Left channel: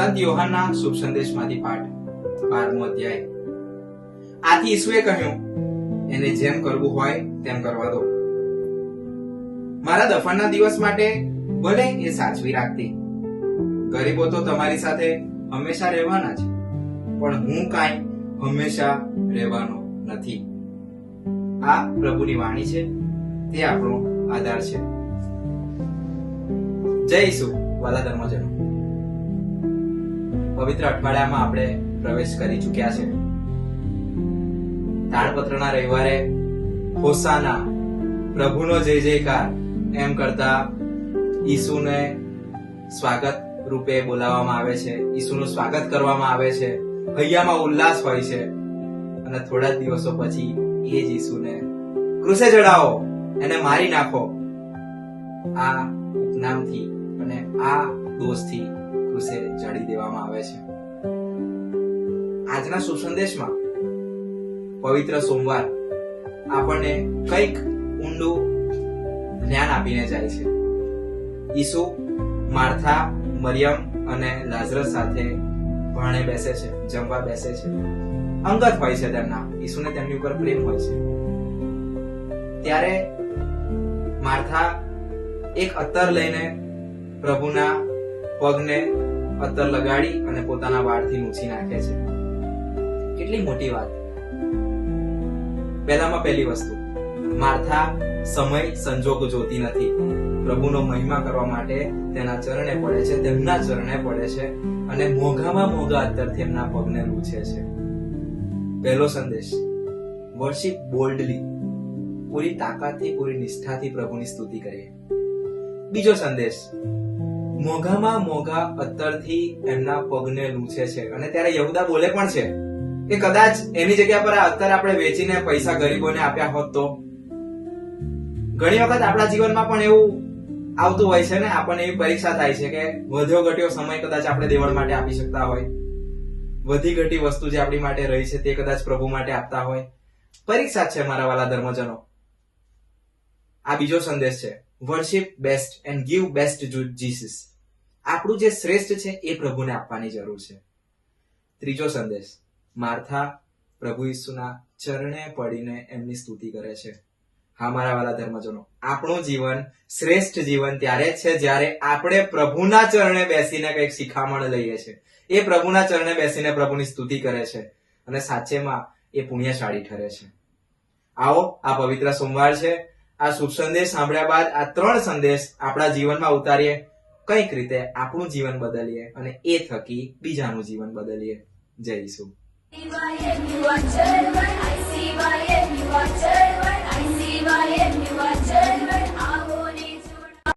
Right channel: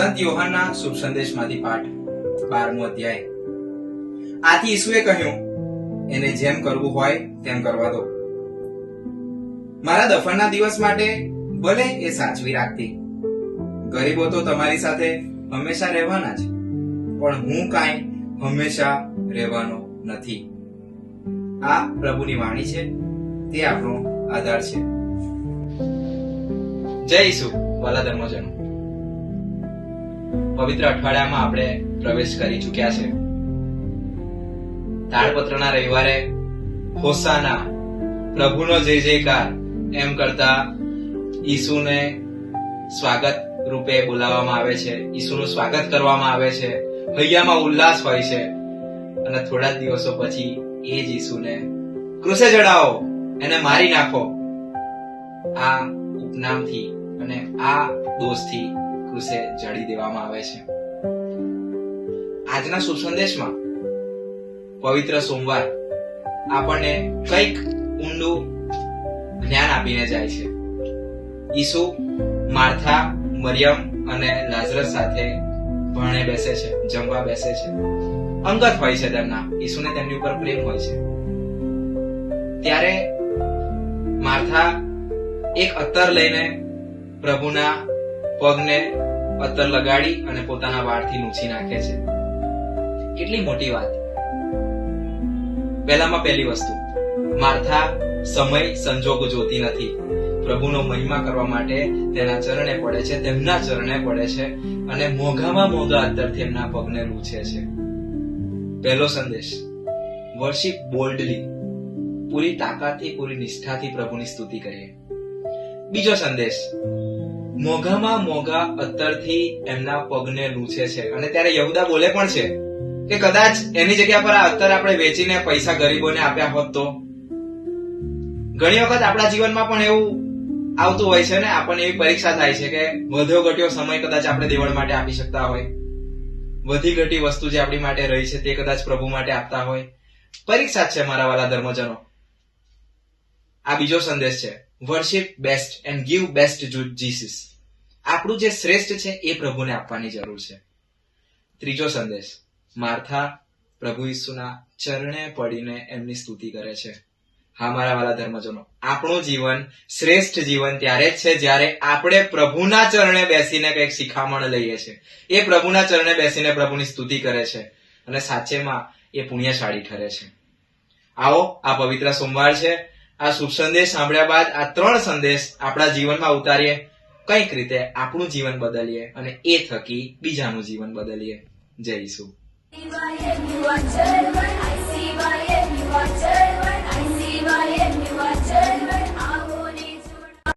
સંત યોહાનના શુભ સંદેશમાંથી પાઠ 12મો અધ્યાય। આથી ઈસુએ કહ્યું, એને જેમ કરવું હોય તેમ કરવા દો। મારા દફનના દિવસ માટે ભલે એ સાચવી રાખતી। ગરીબો તો તમારી સાથે હંમેશા રહેવાના જ, પણ હું કાંઈ હંમેશા રહેવાનો નથી। આ પ્રભુની વાણી છે, તે આપણો આધાર છે। જય ઈસુ વાલા ધર્મજનો, પવિત્ર અઠવાડિયામાં આપણે પ્રવેશ કરી ચૂક્યા છે। તાળપત્રના રવિવારે હોસાના, પ્રભુનો જય જયકાર એમ કરતા ઈસુને સ્વાગત રૂપે બોલાવવામાં આવે છે, ઈસુનું સ્વાગત કરવામાં આવે છે, હૈયામાં ઉલ્લાસ હોય છે। અને થોડા દિવસો પછી એ જ ઈસુને ક્રુસે ચડાવો, એને મારી નાખો, આ ઉપનામથી અને આ દોષથી ક્રુસે જડી દેવામાં આવે છે। આજના શુભ સંદેશમાં પવિત્ર સોમવાર આપણને કંઈક ઊંડું જ્ઞાન આપીને જાય છે। ઈસુ માર્થા, મરિયમ અને લાઝરસ સાથે ભાણે બેસે છે, જમવા બેસે છે। અંગત હોય છે તેમના, ઈસુને તેમની ઉપર પ્રેમ હોય છે। ત્યારે માર્થા એક અત્તર લઈને પ્રભુના પગને અત્તર લગાડી અને પોતાના વાળથી લૂછી નાખે છે। કેટલી મોટી વાત! પહેલામાં પહેલી વસ્તુ, માર્થા સમય સંજોગ જોતી નથી, પ્રભુનો મહિમા કરવા માટે તેના ચરણે પડે છે, તેમના ચરણે પડે છે અને મોંઘામાં મોંઘા અત્તરથી એમના પગને લૂછે છે। પહેલો સંદેશ, વર્શિપ બોલ્ડલી, પૂરી તાકાતથી, પૂરી નિષ્ઠાથી પ્રભુની સ્તુતિ કરીએ। બીજો સંદેશ, મોંઘામાં મોંઘા અત્તરથી એમના પગને લૂછે છે। અને ત્યારે યહૂદા બોલે પણ છે કે કદાચ એની જગ્યા પર આ અત્તર આપણે વેચીને પૈસા ગરીબોને આપ્યા હોત તો। ઘણી વખત આપણા જીવનમાં પણ એવું આવતું હોય છે ને, આપણને એવી પરીક્ષા થાય છે કે વધ્યો ઘટ્યો સમય કદાચ આપણે દેવળ માટે આપી શકતા હોય, વધી ઘટી વસ્તુ જે આપણી માટે રહી છે તે કદાચ પ્રભુ માટે આપતા હોય। પરીક્ષા જ છે મારા વાલા ધર્મજનો। આ બીજો સંદેશ છે, worship best and give best two Jesus, આપણું જે શ્રેષ્ઠ છે એ પ્રભુને આપવાની જરૂર છે। ત્રીજો સંદેશ, માર્થા પ્રભુ ઈસુના ચરણે પડીને એમની સ્તુતિ કરે છે। હા મારા વાલા ધર્મજનો, આપણું જીવન શ્રેષ્ઠ જીવન ત્યારે જ છે જ્યારે આપણે પ્રભુના ચરણે બેસીને કંઈક શિખામણ લઈએ છીએ, એ પ્રભુના ચરણે બેસીને પ્રભુની સ્તુતિ કરે છે અને સાચેમાં એ પુણ્યશાળી ઠરે છે। આવો, આ પવિત્ર સોમવાર છે, આ શુભ સંદેશ સાંભળ્યા બાદ આ 3 સંદેશ આપણા જીવનમાં ઉતારીએ, કંઈક રીતે આપણું જીવન બદલીએ અને એ થકી બીજાનું જીવન બદલીએ। જય ઈસુ।